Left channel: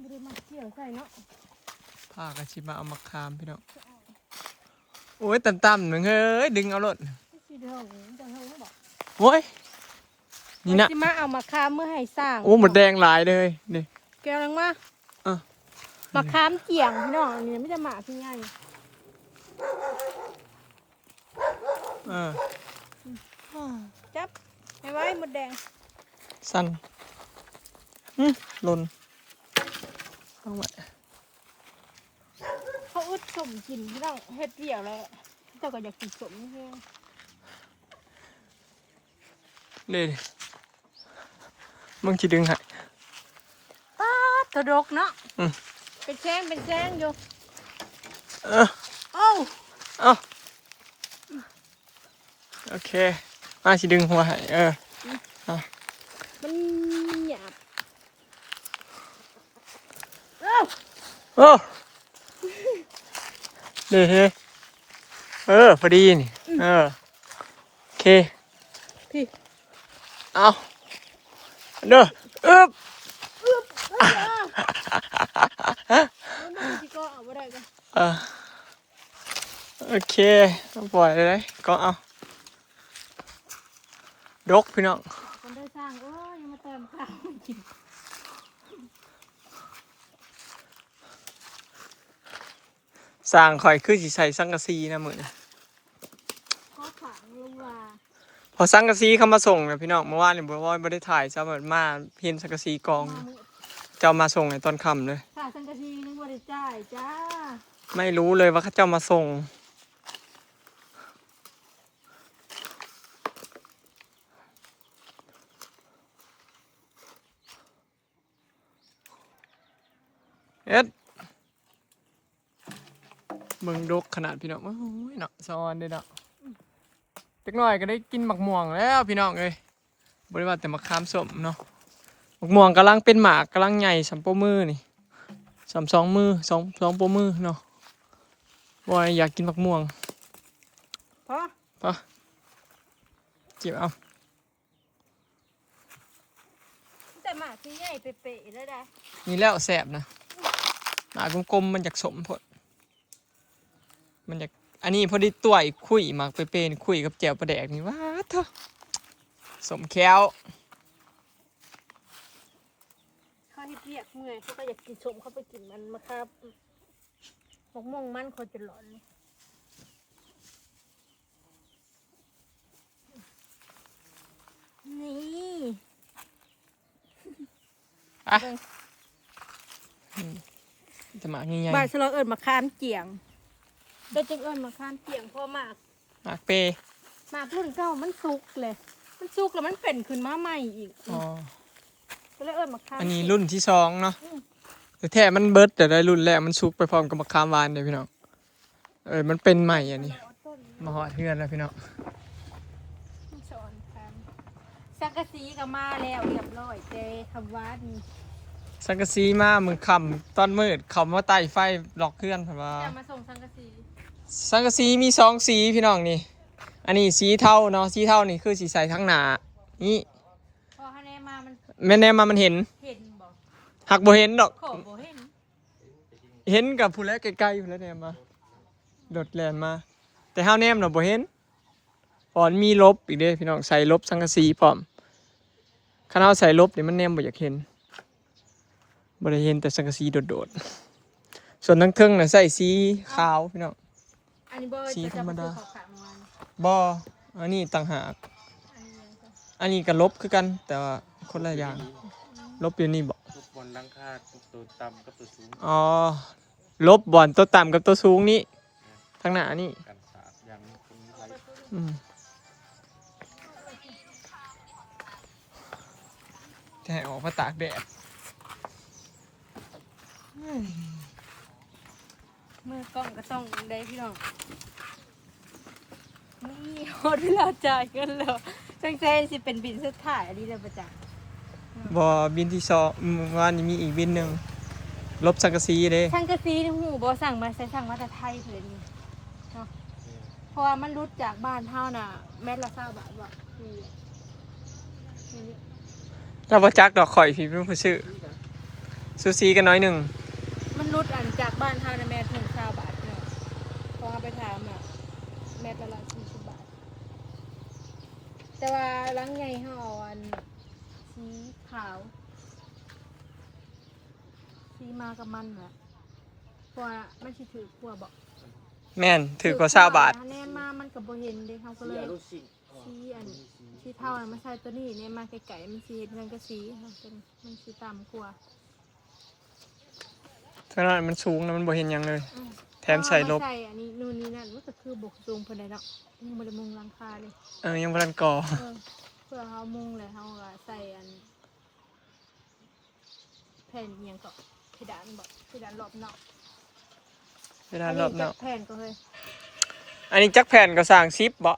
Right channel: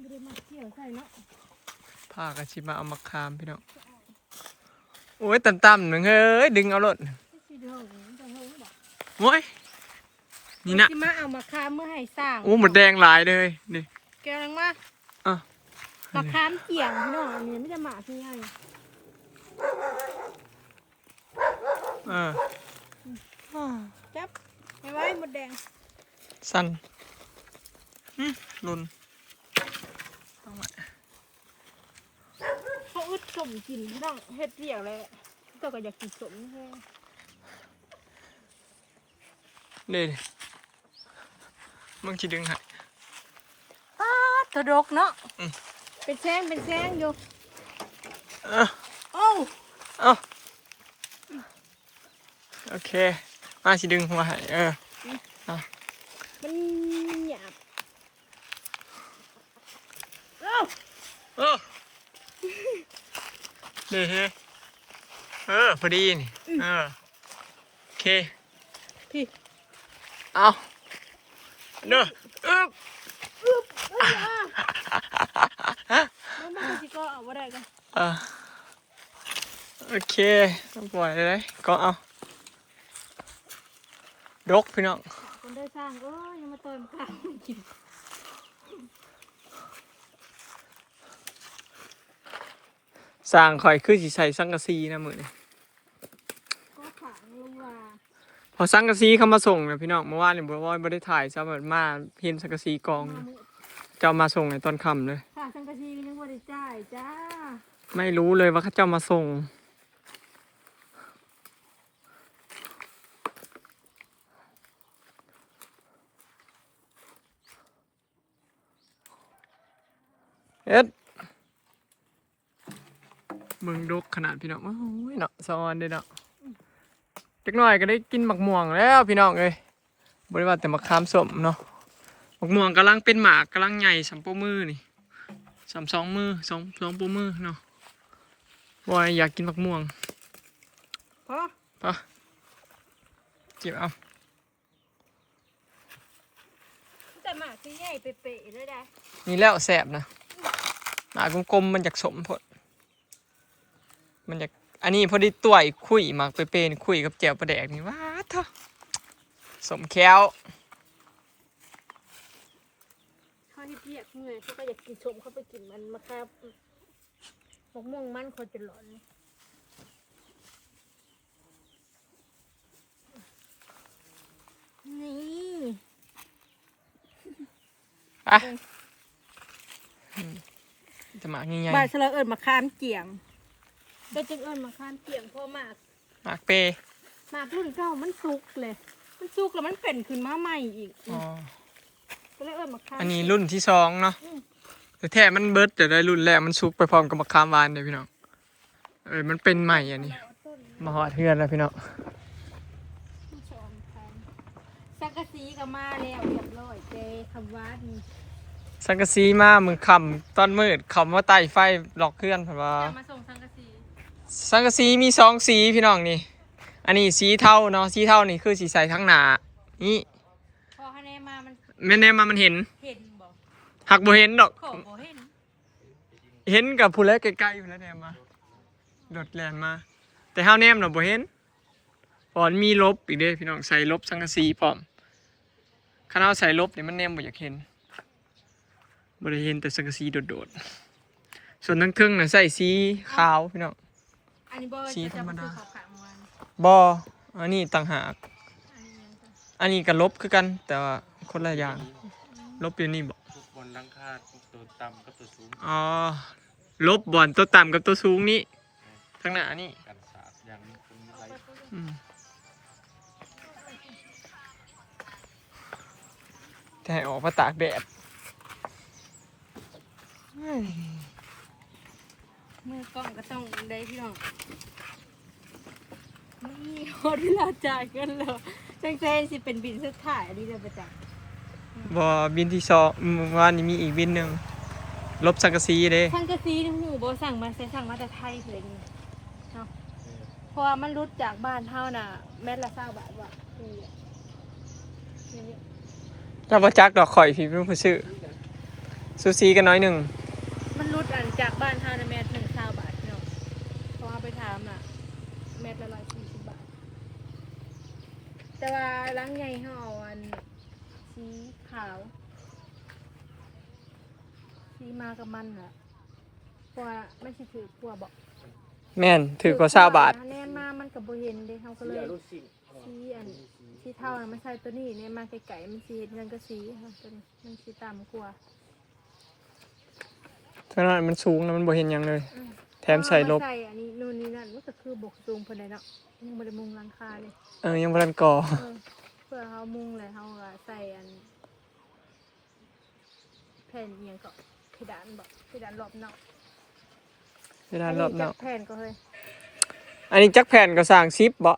ไม่ได้มาเกี่ยวใส่เนาะพากระชิมาเอามาคามพี่น้องโอ้ยต่ำๆหนึ่งเฮ้ยดึงเอารถโอ้ยนี่นะมาเอามาคามเมื่อให้สร้างโอ้หมดแดงหลายเลยนี่แกลังมามาคามเกี่ยงพี่น้องนี่ไม่จะหมาพี่ใหญ่จับไว้หมดแดงสั้นหล่นเขาอึดสมกินพี่น้องเฮ็ดเดี่ยวแล้วเจ้าก็อยากกินสมเพียงนี่มึงจะดึงให้ตะดกเนาะเป็นแซงอยู่โอเคมาจะดึงหัวให้มันหยาบเด้พอดีนี่โอเคพี่เอาเด้อมันจะก็เอาอะไรกันโอเคปล่อยเลยก็เอาดกพี่น้องคนได้สร้างยังมาเติมข้าวกินสร้างข่อยคือสิใส่สังกะสีนะมื้อนี้ก็ขังลงมาพอสังกะสีเข้ามาส่งนะพี่น้องเมื่อวานนี่บ่ได้ถ่ายซะเหมือนมาเห็นสังกะสีกองเจ้ามาส่งในตอนค่ำเลยค่ะสังกะสีนึกว่าได้จ่ายจ้าไม่รู้เลยว่าเขาเจ้ามาส่งเอ็ดมึงดกขนาดพี่น้องโอ้ยเนาะซอนเด้เนาะจักหน่อยก็ได้กินหมักม่วงแล้วพี่น้องเอ้ยบ่ได้ว่าแต่มะขามส้มเนาะหมักม่วงกำลังเป็นหมากกำลังใหญ่สำโปมือนี่สองมือสองโปมือเนาะบอยอยากกินหมักม่วงพอจิบเอาแต่หมากที่ใหญ่เป๊ะๆเลยได้นี่แล้วแสบนะหมากกลมๆมันจากสมพดมันจากอันนี้พอดีตัวอีกคุยหมากเป๊ะๆคุยกับแจ่วปลาแดกนี่ว้าเถอะสมแค้วเขาที่เปียกเมื่อยเขาก็อยากกินชมเขาไปกินมันมาครับหมกม่วงมันคนจะหลอนนี่จะหมากใหญ่ๆบ้านฉลองเอิญมาคามเกี่ยงก็จึงเอิญมาคามเกี่ยงเพราะหมากเปหมากรุ่นเก่ามันสุกเลยมันสุกแล้วมันเป็นขึ้นมาใหม่อีกก็เลยเอิญมาคามอันนี้รุ่นที่สองเนาะแต่แท้มันเบิร์ดแต่ได้รุ่นแรกมันสุกไปพร้อมกับมะขามหวานเลยพี่น้องมันเป็นใหม่อันนี้มาหอดเทือนแล้วพี่น้องสังกะสีก็มาแล้วเรียบร้อยเจคำว่านี่สังกะสีมามือคำตอนมืดคำว่าไต่ไฟหลอกเคลื่อนผ่านว่ามาส่งสังกะสีมีสองสีพี่น้องนี่อันนี้สีเทาเนาะสีเทานี่คือสีใสทั้งหนานี่พอคะแนนมาแม่แนมามันเห็นบอกหักบ่เห็นดอกเห็นกับผู้แลใกล้ๆอยู่แล้วแนมมาโดดแลนมาแต่ห้าวแนมเราบ่เห็นพอมีลบอีกเด้พี่น้องใส่ลบสังกะสีพร้อมข้าวใส่ลบนี่มันแนมบ่อยากเห็นบ่ได้เห็นแต่สังกะสีโดดๆส่วนทั้งเครื่องน่ะใส่สีขาวพี่น้องสีธรรมดาบ่อันนี้ต่างหากอันนี้ก็ลบคือกันแต่ว่าคนละอย่างลบอยู่นี่บ่บนหลังคาตัวต่ำกับตัวสูงลบบอนตัวต่ำกับตัวสูงนี่ทั้งหน้านี่แต่ออกมาตากแดดเมื่อกล้องก็ต้องได้พี่น้องนี่โหดเวลาจ่ายกันแล้วตั้งใจสิเป็นบินสุดท้ายอันนี้เลยประจักษ์บ่บินที่สองวันนี้มีอีกบินหนึ่งลบสังกะสีเด้สังกะสีนี่หูบ่สั่งมาใส่สั่งมาแต่ไทยเลยนี่เนาะเพราะว่ามันรุดจากบ้านเฮาน่ะแม่ละ20 บาทว่ะนี่ถ้าบ่จักดอกข่อยพี่เป็นผู้ซื้อ ซูซีกันน้อยหนึ่ง มันรุดอันจากบ้านเฮานะแม่ถึง20 บาทพี่น้องพอเอาไปถามอ่ะแม่ละ140 บาทแต่ว่าล้างใหญ่เฮาเอาอันสีขาวสีมากับมันล่ะเพราะว่ามันสิถือกลัวบอก แม่นถือกว่า20 บาท แน่มามันก็บ่เห็นเด้เฮาก็เลยสีอันสีเท่าน่ะมันใส่ตัวนี้แน่มาไกลๆมันสิเฮ็ดเงินก็สีเฮาจนมันสิต่ำกว่า เท่านั้นมันสูงแล้วมันบ่เห็นหยังเลย แถมใส่ลบ ใส่อันนี้นู่นนี่นั่นมันก็คือบกสูงเพิ่นเลยเนาะยังบ่ได้มุงหลังคาเลย ยังบ่ทันก่อ เพื่อเฮามุงเลยเฮาก็ใส่อันแผ่นอิหยังก็เพดานบ่เพดานรอบนอก เวลารอบเนาะ แผ่นก็เฮ้ย อันนี้จักแผ่นก็สร้าง10บ่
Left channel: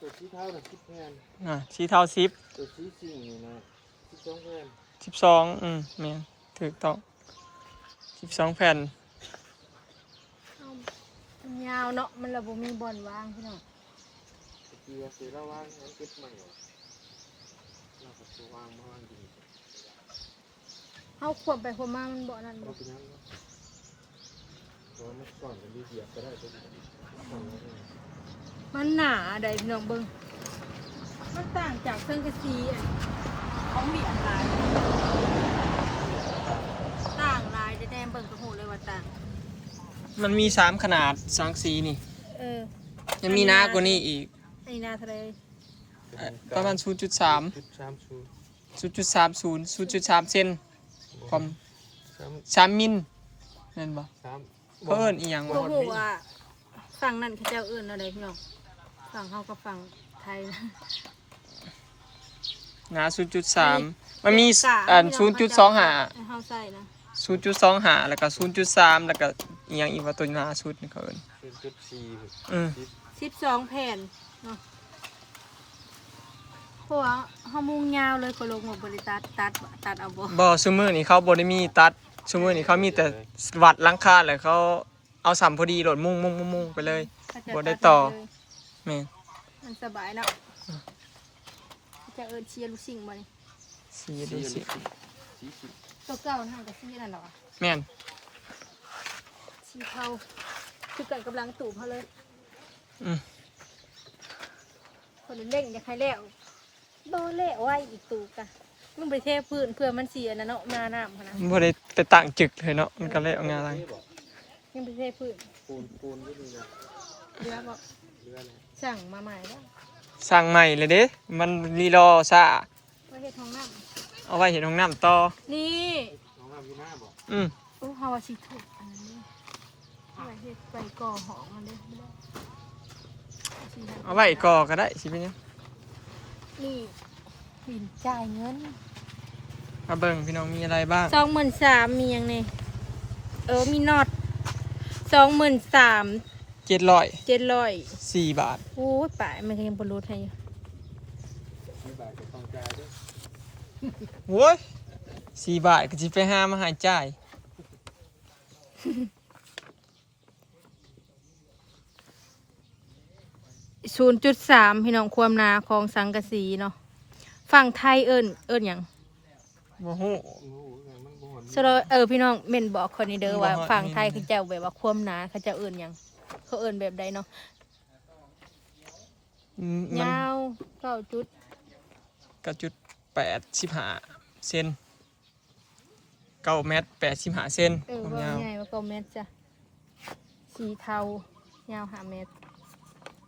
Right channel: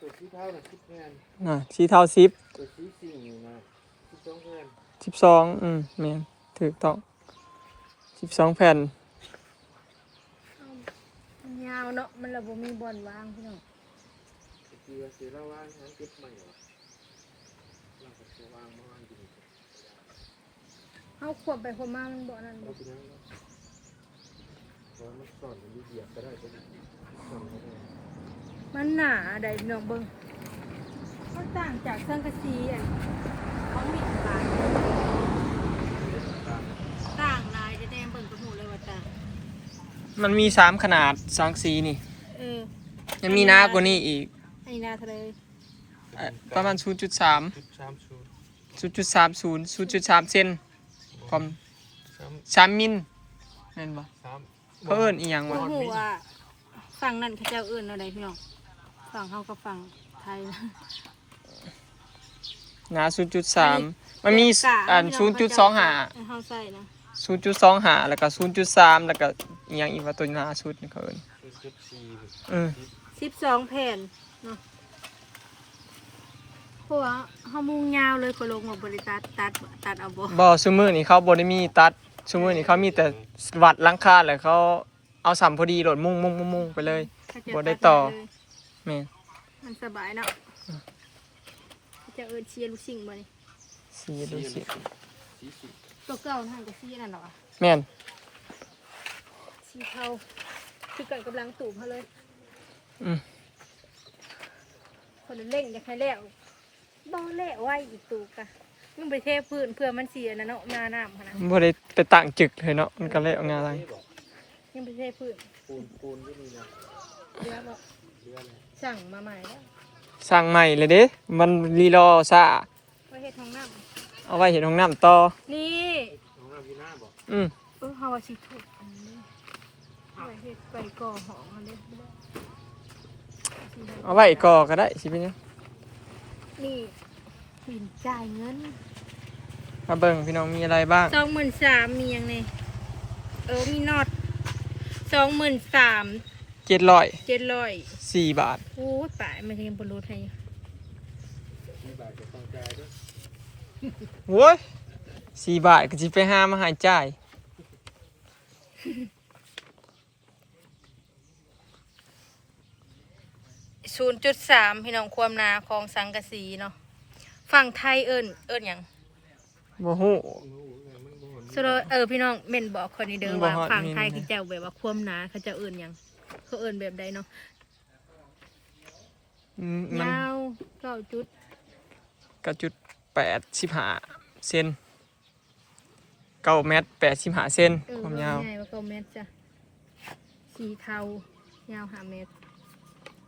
ตัวชี้เท้าน่ะ10แผ่น น่ะสีเท่า10 ตัวชี้สิ่งนี่นะ12แผ่น 12แม่นถูกต้อง12แผ่น มันยาวเนาะมันระบ่มีบ่อนวางพี่น้อง ตะกี้ว่าสิระวังมันเก็บมันเหรอเราก็สิวางมาอยู่นี่ เฮาควบไปควบมามันบ่นั่น เอา บ่ ไปยังบ่เพราะว่ามันก่อนมันมีเหยียบก็ได้ก็ได้ก่อนก็ได้ มันหนาได้พี่น้องเบิ่งมันต่างจากเครื่องกระซีอันของเบียร์ลายต่างลายแท้ๆเบิ่งก็ฮู้เลยว่าต่าง มันมี3ขนาดสังสีนี่ เออ ยังมีหน้ากว่านี้อีก อันนี้นาทะเล ประมาณ 0.3 จุด3ชู 0.30 เซนความ 3 มิลแม่นบ่ 3 เขาเอิ้นอีหยัง ก็ วะ ฮู้ว่าฝั่งนั้นเขาเจ้าเอิ้นอะไรพี่น้องฝั่งเฮาก็ฝั่งไทยนะ หนา 0.3 มันมี กะ 0.25 เฮาใส่นะ 0.25 แล้วก็ 0.3 แล้วก็อีหยังอีกว่าตัวหน้าสุดนี่เขาเอิ้น 0.4 12 แผ่นเนาะเพราะว่าเฮามุงยาวเลยก็ลงมาบริตัดเอาบ่ บ่ซุมื้อนี้เขาบ่ได้มีตัดซุมื้อนี้เขามีแต่วัดหลังคาแล้วเขาเอาสำพอดีโหลดมุ่งไปเลย เขาจะ บ่ได้ต่อ เลย แม่น มันสบายเนาะเขาจะเอิ้นเชียร์ลูกชิงบ่นี่ สีดูสิ ตัวเก่านั่นก็สีนั่นน่ะว่ะ แม่น สีเทาคือกันกำลังตูบเฮาเลย อืม คนเร่งอยากให้แล้วบ่แล้วไว้อีกตูบกะมันไปเทพื้นเพื่อมันเสียนะเนาะนาน้ำหั่นน่ะ บ่ได้ไปตั้งจึกเลยเนาะมันก็เลยเอางานอะไร ยังไปเทพื้น ปูนอยู่นี่นะ เรือบ่ เรือแล้ว สั่งมาใหม่แล้ว สร้างใหม่เลยเด้มันรีรอซ่า ไว้เฮ็ดห้องน้ เอาไว้เห็นห้องน้ำต่อ ำนี่ น้องน้ำอยู่หน้าบ่ อืม เฮาว่าสิถูกอันนี้เอาไว้เฮ็ดไปก่อห้องอันนี้ เอาไว้ก่อก็ได้สิเป็นหยัง นี่บินจ่ายเงิน มาเบิ่งพี่น้องมีอะไรบ้าง 23,000มีหยังนี่มีน็อต23,000 700 700 4 บาท โอ้ยป่ายมันก็ยังบ่รู้ให้ 4 บาทก็ต้องจ่ายเด้อ โว้ย4 บาทก็สิไปหามาใหายจ่าย 0.3พี่น้องความหนาของสังกะสีเนาะฝั่งไทยเอิ้นหยัง บ่ฮู้ โอ้โหมันบ่หอน สโลพี่น้องเม่นบอกคนนี้เด้อ บ่ ว่า ฮอด ฝั่งไทย นี่นะ คือเจ้าแบบว่าความหนาเขาเจะเอิ้นหยังเขาเอิ้นแบบใดเนาะ มัน ยาว9จุด 9.85 เซน9 เมตร 85 เซนความยาว ง่ายว่า9เมตรจ้ะสีเทายาว5เมตร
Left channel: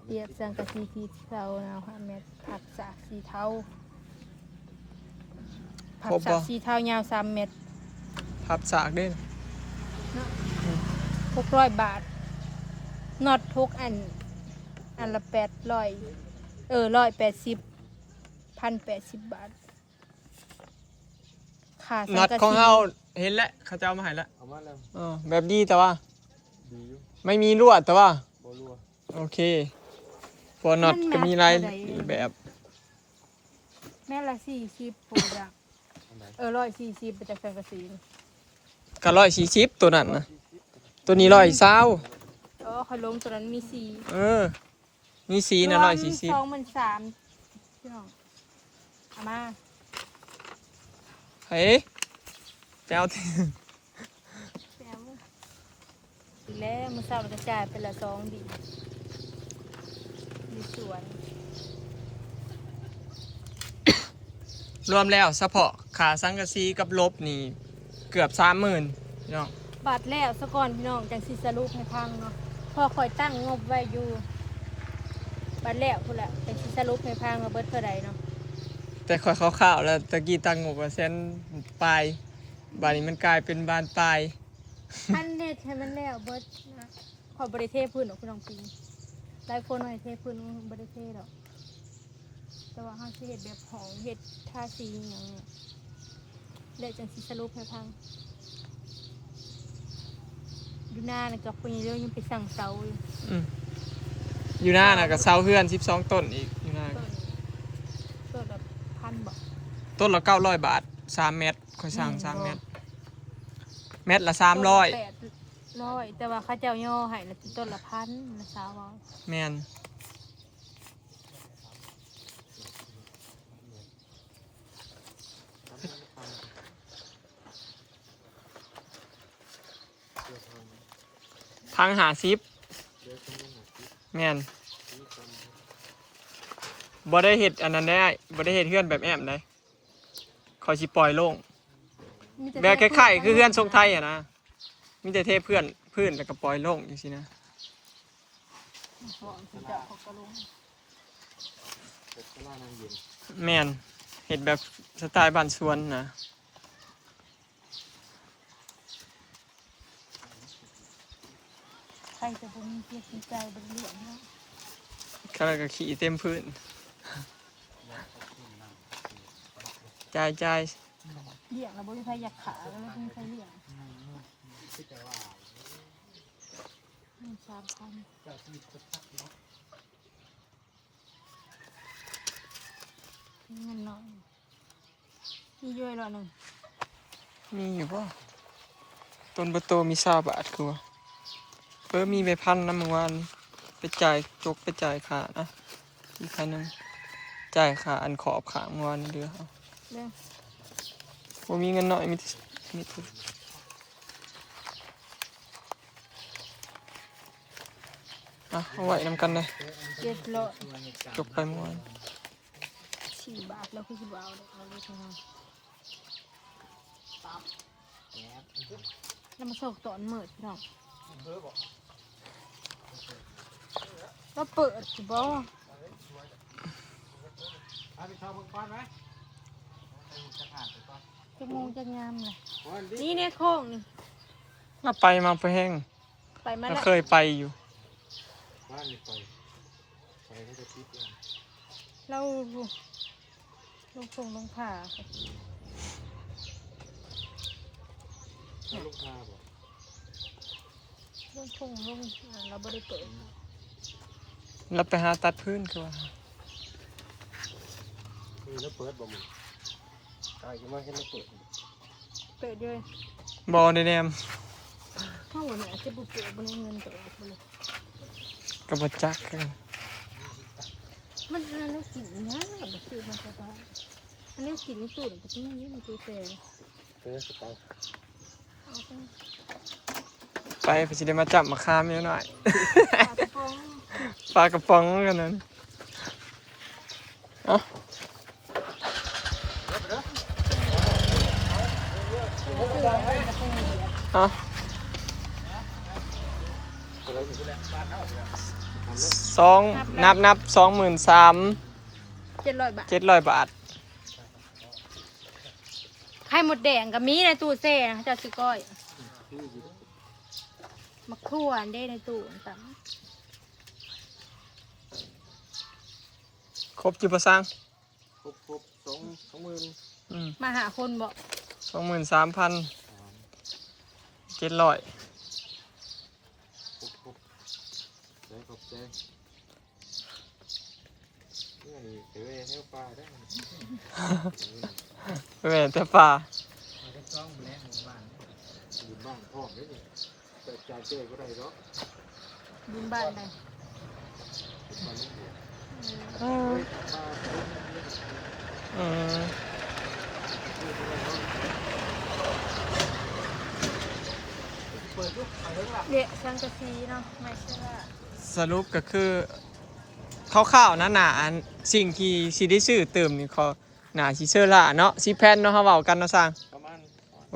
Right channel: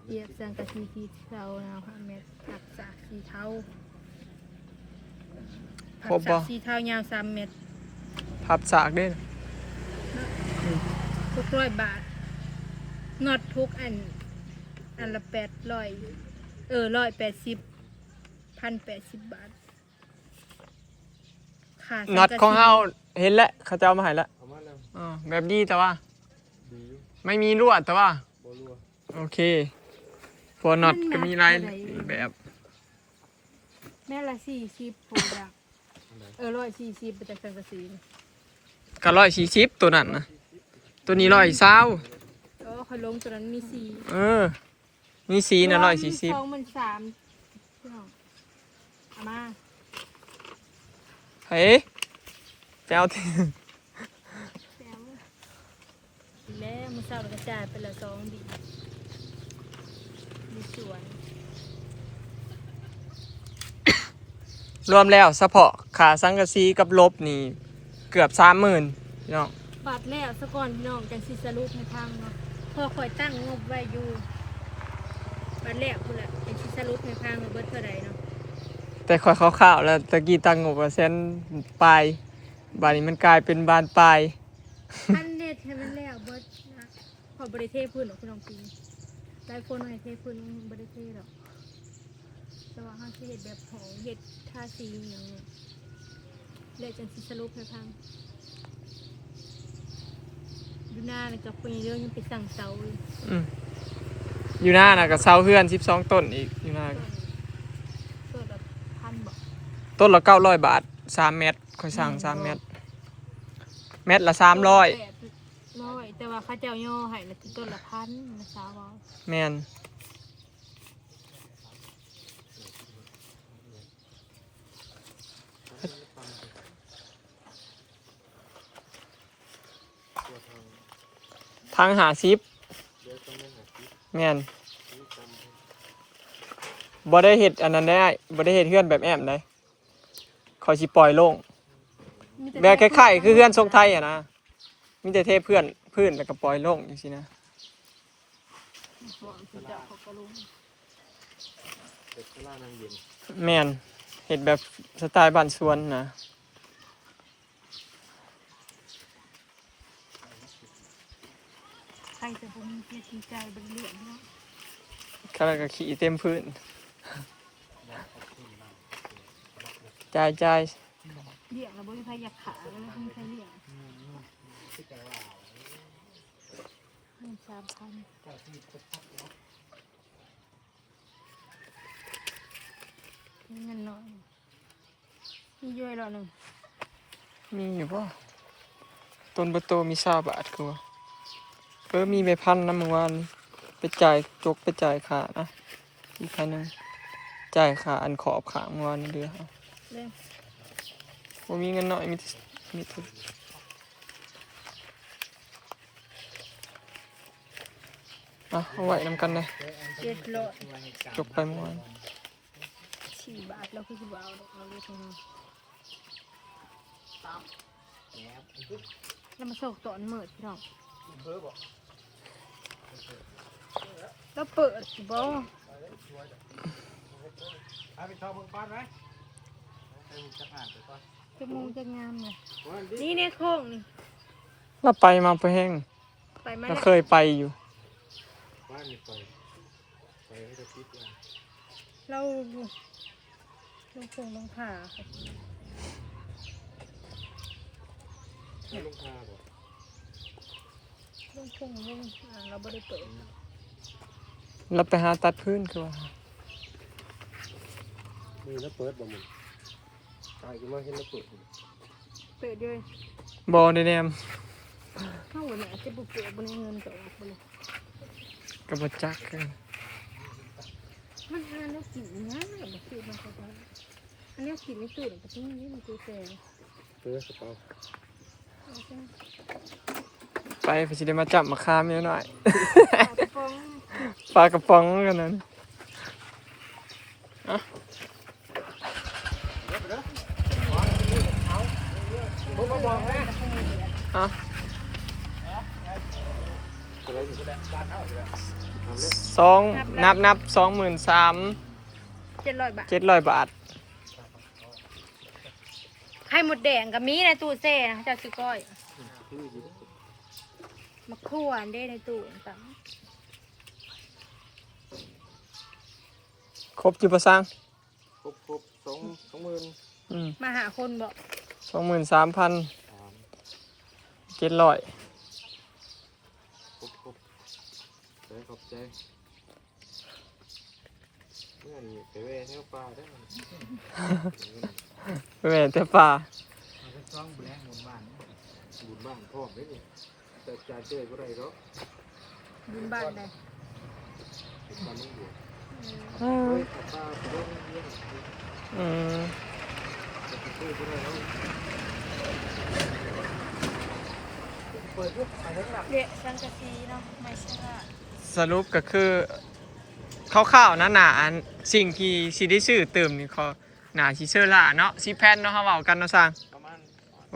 เปรียบสังกะสีสีเทายาว5เมตรผักสากสีเทาผั ครบ ก บ่ สากสีเทายาว3เมตร พับสากเด้อ 600 บาทน็อตทุกอันละ800 180 1,080 บาทค่าสังกะสี น็อตของเฮาเห็นแล้วเขาจะเอามาให้แล้ว เอามาแล้ว อ๋อแบบดีแต่ว่า ดีอยู่ ไม่มีลวดแต่ว่า บ่รัว โอเคพอน็อตก็มีหลายแบบ แม่ละ40ปูดัก140ไปจากสังกะสีนี่ ก็140ตัวนั้นนะตัวนี้120 เขาลงตัวนั้นมี4 นี่สีนะ140 23,000พี่น้องเอามา เฮ้ยไปเอาที่ แล้วมื้อเช้าเราก็จ่ายไปละ2ดีอยู่สวน รวมแล้วเฉพาะขาสังกะสีกับลบนี่เกือบ 30,000พี่น้อง บาทแล้วซะก่อนพี่น้องจังสิสรุปให้พังเนาะพอคอยตั้งงบไว้อยู่บาทแล้วพุ่นแหละจังสิสรุปให้พังว่าเบิดเท่าใดเนาะ แต่ค่อยคร่าวๆแล้วตะกี้ตั้งงบว่าแสนปลายบาดนี้มันกลายเป็นบานปลาย อันเน็ตให้มันแล้วเบิดนะขอบริเทพื้นหรอกพี่น้องปีหลายคนว่าให้เทพื้นบริเทหรอกแต่ว่าเฮาสิเฮ็ดแบบหอมเฮ็ดทาสีอหย่างเนี้ยแล้วจังสิสรุปให้พังดูหน้าน่ะกับปีเรื่องยังไปสั่งเสาอยู่ อืมอยู่หน้าน่ะก็เสาเฮือน12ต้นอีกอยู่หน้า ต้นแบบ1,000บ่ ต้นละ900 บาท3เมตรค่อยสั่ง3เมตรเม็ดละ300 800แต่ว่าเขาเจ้าย่อให้น่ะคือต้นละ1,000นะสาวว่า แม่น ทางหาซิปแม่นบ่ได้เฮ็ดอันนั้นได้บ่ได้เฮ็ดเฮือนแบบแอมได้เขาสิปล่อยโล่งแบบคล้ายๆคือเฮือนทรงไทยอ่ะนะมีแต่เทพื้นแล้วก็ปล่อยโล่งจังซี่นะ หอมคือเจ้าเขาก็ลง เด็กข้างล่างนั่งเย็น แม่นเฮ็ดแบบสไตล์บ้านสวนนะ ใครจะบ่มีเกียรติใจบ่เรื่องเนาะ เขาก็ขี่เต็มพื้นจ่าย เลี้ยงแล้วบ่มีใครอยากขาแล้วบ่มีใครเลี้ยง3,000เงินน้อยมีย่อยแล้วหนึง มีอยู่บ่ต้นประโตมี20 บาทคือว่ามีใบพันนะเมื่อวานนี้ไปจ่ายไปจ่ายค่านะอีกคันนึงจ่ายค่าอันขอบขางเมื่อวานนี้เดือเอา เรื่อง บ่มีเงินน้อยมีทุนเอาไว้นำกันเลย 700 จบไปเมื่อวาน 4 บาทแล้วคือสิบ่เอาเลยทั้งนั้นแล้วมาส่งตอนมืดพี่น้องแล้วเปิดสิบ่ เอาไปชอบเบิ่งก้อนไหม จะงงจะงามเลยนี่เนี่ยโค้งนี่ เราไปมาไปแห้ง ไปมา เรา แล้ว เคยไปอยู่ บ้านนี่ปล่อยให้กระติบเลย เราลูกคงต้องผ่า แล้วลูกงาบ่ ลูกคงลูกเราไม่ได้เปิด เราไปหาตัดพื้นคือว่า มีแล้วเปิดบ่มึงตายกูมาเห็นแล้วเปิด เปิดด้วย บอได้แนม เท่าวันนี้จะบุกเปิดบนเงินตัวออกไปเลย กับบจักคือ มันอันนี้กินง่ายแบบคือมันก็ได้อันนี้กินไม่ตื่นแต่ที่นี่มันคือเตย เปิดกระเป๋า ไปเพื่อจะได้มาจับมาคามนิดหน่อย กระป๋อง ปลากระป๋องกันนั้นอ่ะอ่ะนับ700 บาท 700 บาท ไข่หมดแดงกับมีในตู้เซ่นะจะซื้อก้อยมะขั่วได้ในตู้ต่าง ครบจุประสัง ครบ20,000 มาหาคนบอก 23,700 ครบใจขอบใจนี่ไปเวเที่ยวป่าได้ แม่แต่ป่า บุญบ้านพ่อไม่นี่แต่จ่ายเจ้ก็ได้หรอก บุญบ้านใด บุญบ้านไม่เดียว อื เฮ้ ม ยป้าลงเรื่อง อืม จะพูดก็ได้แล้วไป ปิดยุกไปเรื่องหลัก เละสังกะสีเนาะไม่ใช่ว่า สรุปก็คือข้าวๆหนาๆอันสิ่งที่สิได้ซื้อเติมนี่เขาหนาสิเชื่อละเนาะ10แผ่นเนาะเฮาเว้ากันเนาะสร้าง ประมาณ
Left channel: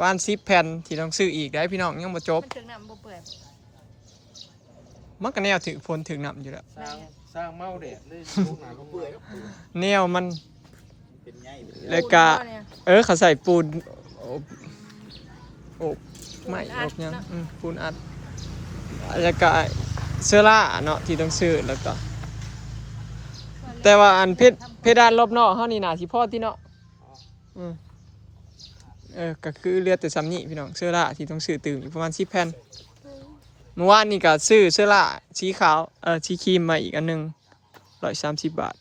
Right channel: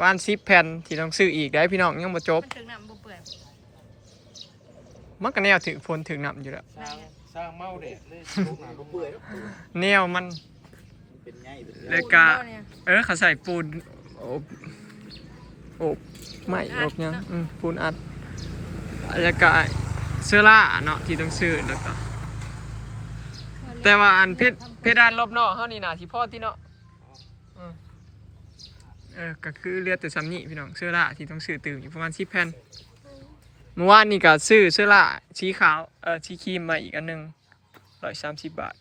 ว่าน10แผ่นที่ต้องซื้ออีกได้พี่น้องยังบ่จบ มันถึงน้ำบ่เปื่อย มันก็แนวถึงฝนถึงน้ำอยู่แล้ว สร้างเมาเด็ดเลยพวกหนาก็เปื่อยแล้ว แนวมัน เป็นไง แล้วก็ เขาใส่ปูนอบไม่อบยังปูนอัดแล้วก็เสื้อล่าเนาะที่ต้องซื้อแล้วก็แต่ว่าอันเพดานรอบนอกเฮานี่น่าสิพอที่เนาะก็คือเหลือแต่ซ้ำนี่พี่น้องเสื้อล่าที่ต้องซื้อตื่มอยู่ประมาณ10แผ่นเมื่อวานนี่ก็ซื้อเสื้อล่าสีขาวสีครีมมาอีกอันหนึง130 บาท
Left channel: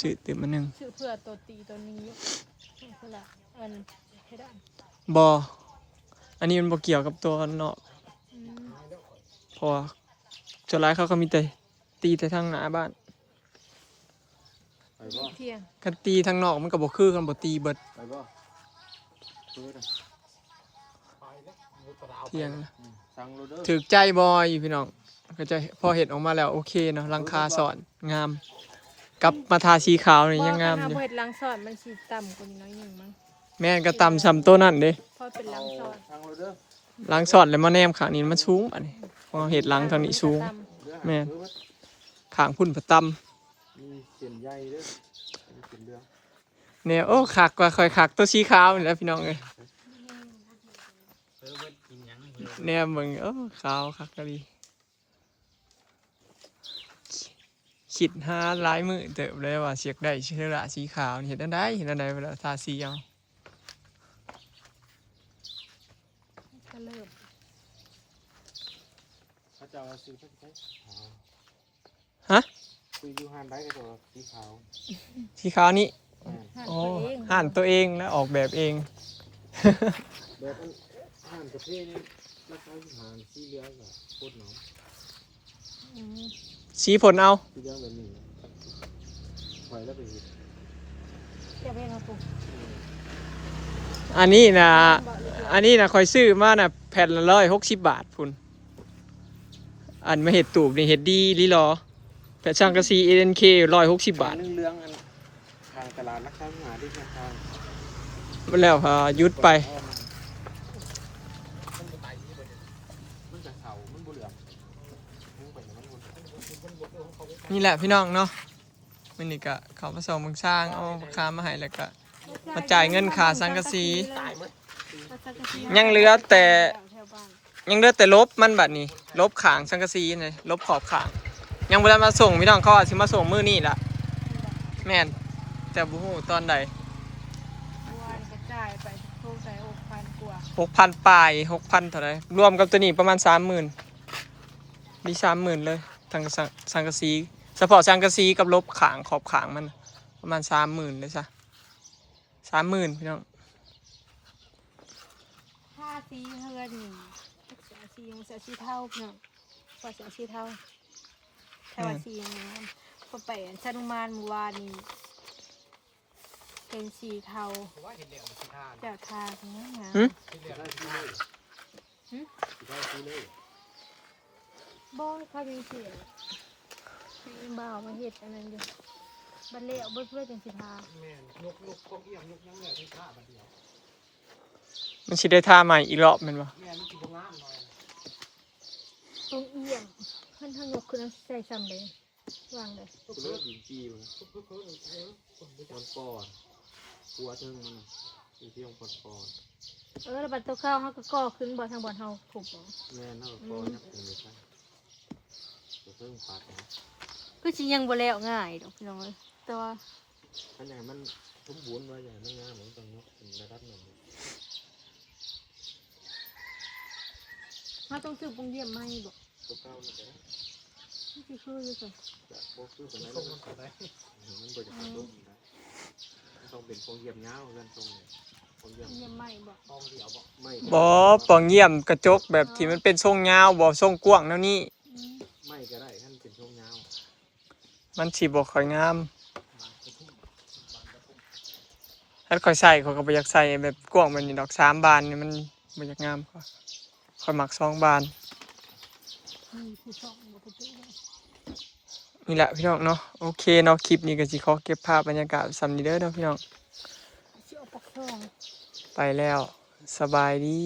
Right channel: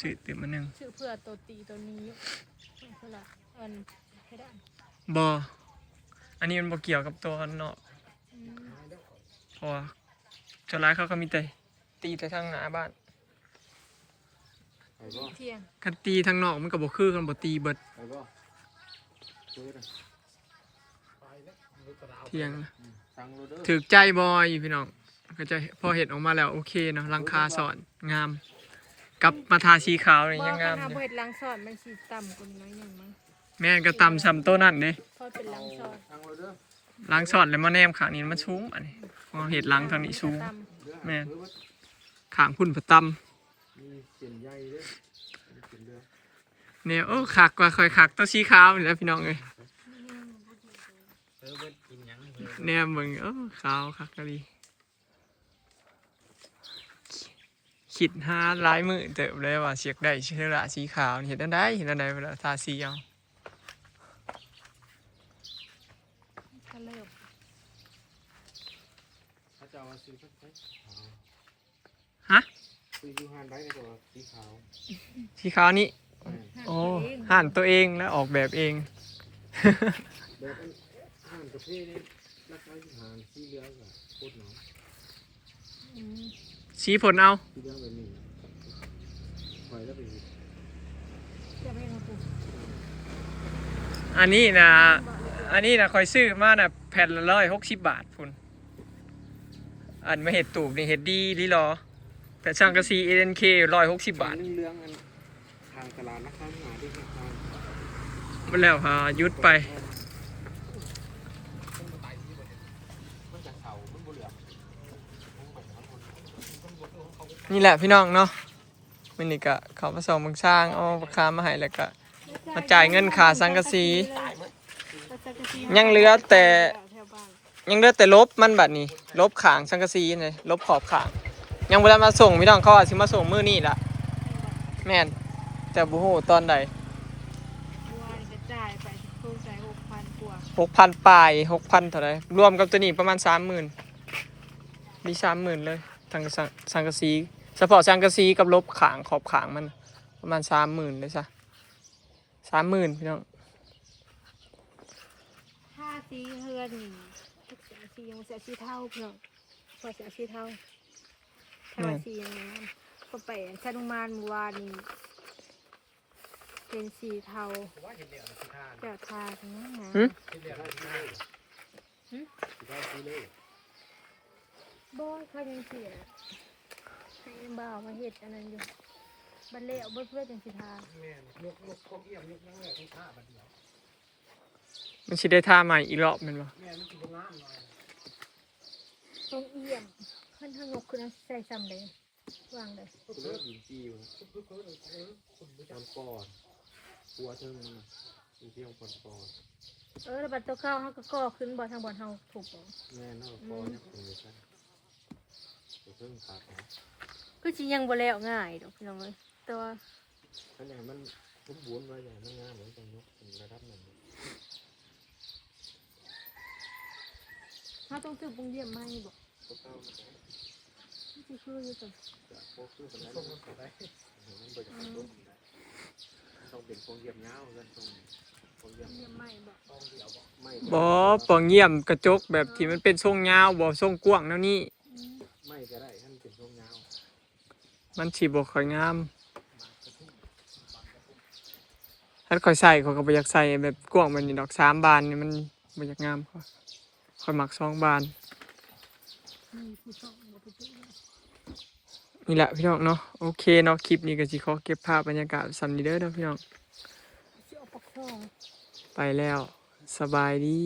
ซื้อตื่มอันหนึง ชื่อเพื่อตัวตีตัวนี้เพื่อละอันเพดาน บออันนี้มันบ่เกี่ยวกับตัวนอกเพราะว่าส่วนร้ายเขาก็มีแต่ตีแต่ทางหน้าบ้าน ไปบ่ เที่ยง กันตีทางนอกมันก็บ่คือกันบ่ตีเบิด ไปบ่ซื้อเลย เที่ยงนะ สั่งโรเดอร์ ถึกใจบอยพี่น้องก็จะพอเห็ดออกมาแล้วโอเคเนาะหลังคาสอนงามกับมาทาสีขาวนี่ยังงาม อ อยู่ เฮ็ดล้างซอสมันสิต่ำกว่าน้อยหนึงมั้ง แม่นก็ตำซ้ำตัวนั่นเด้ พอเป็นล้างซอส สั่งโรเดอร์ ล้างสอนแล้วมาแนมขางนี้มันสูงอันนี้พอเห็ดล้างทางนี้สูง แม่น ขางพุ่นผะตำ มีเสียนใหญ่ด้วยมีเสียนเรือ เนี่ยโอ้คักกว่าค่อยคักตัวสีขาวนี่แหล้วพี่น้องเอ้ยเนี่ยมึงโอ้ขาวคักกะดีคิดหาหลายมือเติบเลยว่าเสียกได้เชื้อราสีขาวนี่เห็นได้เวลาทาสีเอา ก็เลิก เขาจะเอาซื้อไป ฮะ ซื้อยูฮานได้ก็ตัวสีขาว สีขาวนี่ อ่า โอ้ห่านตัวเองแล้วออกแบบเอง แบบอันห่านกาแฟนี่ราคาอยู่ห่านสีเหลืองกับโคตรหนาว อืม สีผลเอา สีเหลืองแบบนี้ปล่อยแล้วไปเห็น จะเป็นมาปลูก อันนี้นะคอยซื้อมาน่ะแผ่นละ160 บาทพุ่นอันมาเห็ดตูกนี่เห็ดดีลิลอแผ่นช่างกระซี ANK 160 บาท เรื่องอันทางตลาดนะครับหาที่ทาง มันแล้วยุดไป นี่แหละพี่น้องเนาะมันนี่ก็เขามาส่งมึงสร้างเอาราคามาให้แล้วก็มาจ่ายเงินค่าสังกะสียังเหลือแต่ลบมันบัดนี้ลบขางสังกะสีนี่ลบขอบขางยังบ่ได้มาส่งพี่น้องเขาอาจสิมาส่งมื้อนี้ล่ะแม่นแต่บ่ฮู้ตอนใด บัวนี่กระจายไปทุกใส่6,000 กว่า 6,000 ปลาย 6,000 เท่าไหร่รวมกับตัวนี้ประมาณ 30,000มี 30,000 เลยทางสังกะสีเฉพาะสังกะสีกับลบขางขอบขางมันประมาณ 30,000 เลยซะ 30,000 พี่น้อง ถ้าสีเฮือนนี่สียังเสียสีเท่าเนาะกว่าเสียสีเท่าถ้าว่าสีอย่างนั้นพอไปชานุมานเมื่อวานนี่เป็นสีเทาแก้วทาทั้งนั้นนะ หึ บ้องเขาเป็นสีบ่าวมาเห็ดอันนั้นอยู่บันเล่เอาเบิดเป็นสีทา มันสิได้ท่าใหม่อีกรอบแม่นบ่ ตรงเอี่ยมเพื่อนทั้งยกขึ้นใส่ซ้ำเลยวางเลย เลือดดินจีมันมันปอดตัวทึ่งมันอยู่ที่ของปอด แล้วบัตรตัวข้าวเขาก็ก่อขึ้นบ่ทางบ่อนเฮาถูกบ่ แม่น่าปอดยักษ์เลยครับจะเพิ่งขาดนะ ก็สิยังบ่แล้วง่ายดอกพี่น้องแต่ว่า ขนาดมันสมบูรณ์ไว้อย่างนั้นงามเหมือนกันเนาะระดับหนึ่ง เขาต้องซื้อปุงเยี่ยมไหมบ่ ตัวเก่ามันจะ ที่สิคืออยู่สิ โคตรสู้กันนั้นมันได้มันบริจาคตุ้มนะต้องเป็นโครงเยี่ยมยาวกันตรงนี้โครงเยี่ยม เยี่ยมไหมบ่ ไม่ บ่ปองเยี่ยมกระจกแบบที่มันเป็นทรงยาวบ่ทรงกว้างแนวนี้ ไม่ก็ได้ท่านเป็นช่วงยาว มันสิบ่ค่อยงามถ้าค่อยใส่เขาก็บ่อยากใส่แบบกว้างแบบนี้ดอก3 บานนี่มัน บ่อยากงามค่อยมัก2 บาน มีผู้ชอบบ่ไปตื้อ นี่แหละพี่น้องเนาะโอเคเนาะคลิปนี้ก็สิขอเก็บภาพบรรยากาศซ้ำนี้เด้อเนาะพี่น้อง เชื่อปักทอง ไปแล้วสบายดี